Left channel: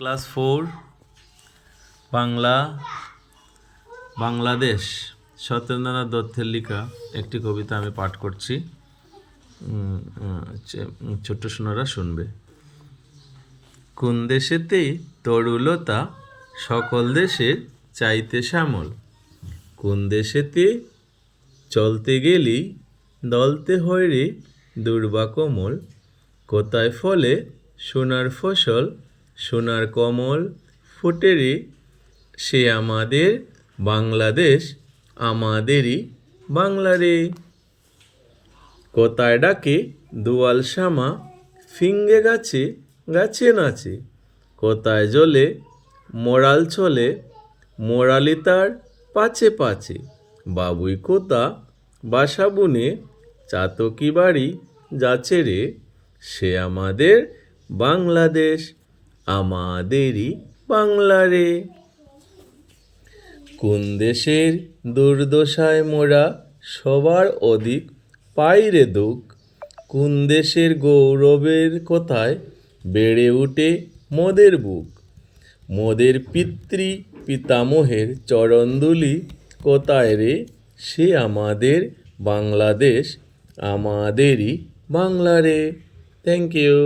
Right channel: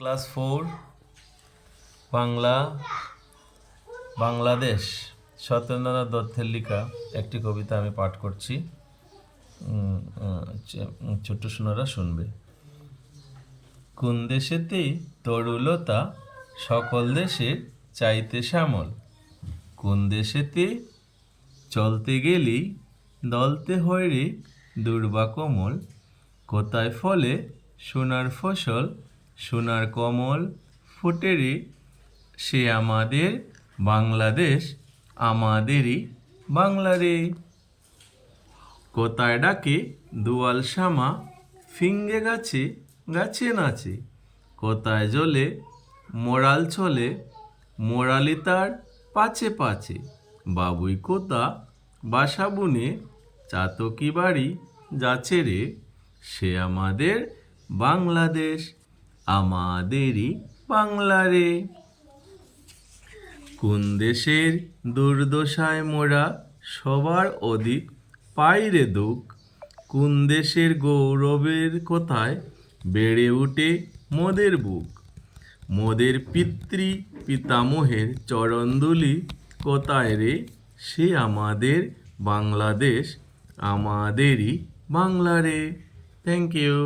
Class 4 Bangla Bangladesh Satyendranath দত্তের লেখা একটি কবিতা আমি পাঠ করছি। ছোট্ট সোনারা শুনবে। কোন দেশেতে তরুলতা সকল দেশের চাইতে শ্যামল, কোন দেশেতে চলতে গেলি দলতে হয় রে দুর্বা কোমল, কোথায় ফলে সোনার ফসল সোনার কমল ফুটে রে, সে আমাদের বাংলাদেশ আমাদেরই বাংলা রে। কোথায় ডাকে দুয়াল শামা ফিঙ্গে গাছে গাছে নাচে, কোথায় জ্বলে মোরাল চলে মোরালি তার পাচে পাচে, বাবুই কোথা বাসা বুনে চাতকি বাড়ি যাচ্ছে রে, সে আমাদের বাংলাদেশ আমাদেরই বাংলা রে। কোন দেশের দুর্দশায় মোরা সবার অধিক পাই রে দুঃখ, কোন দেশের গৌরবের কোথায় বেড়ে ওঠে মোদের বুক, মোদের পিতৃ পিতামহের চরণধুলি কোথায় রে, সে আমাদের বাংলাদেশ আমাদেরই বাংলা রে। Thank you.